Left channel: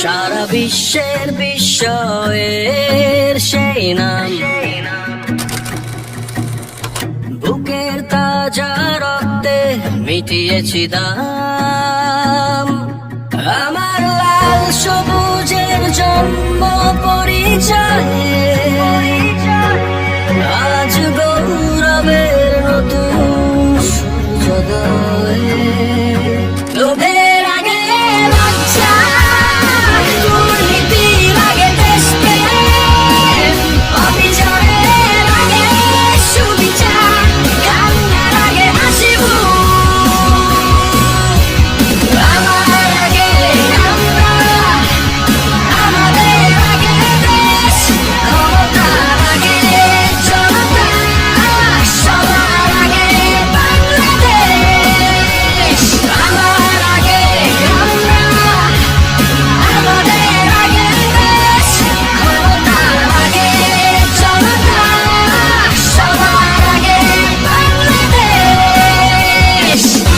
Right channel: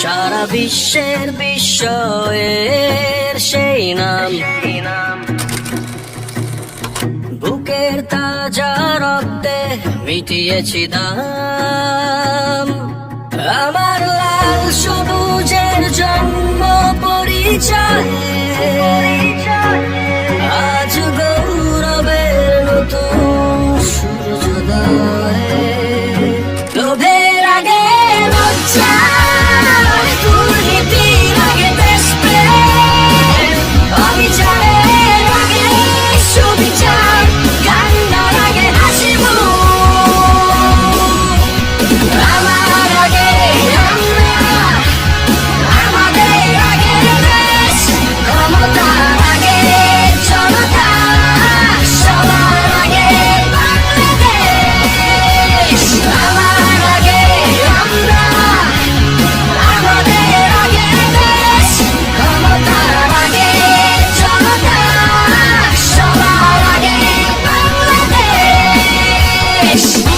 সারা বিশ্বের বিশ্বের সেই নাম। বুকের তাজা রক্তে মিটিয়েছি দাম। Nice.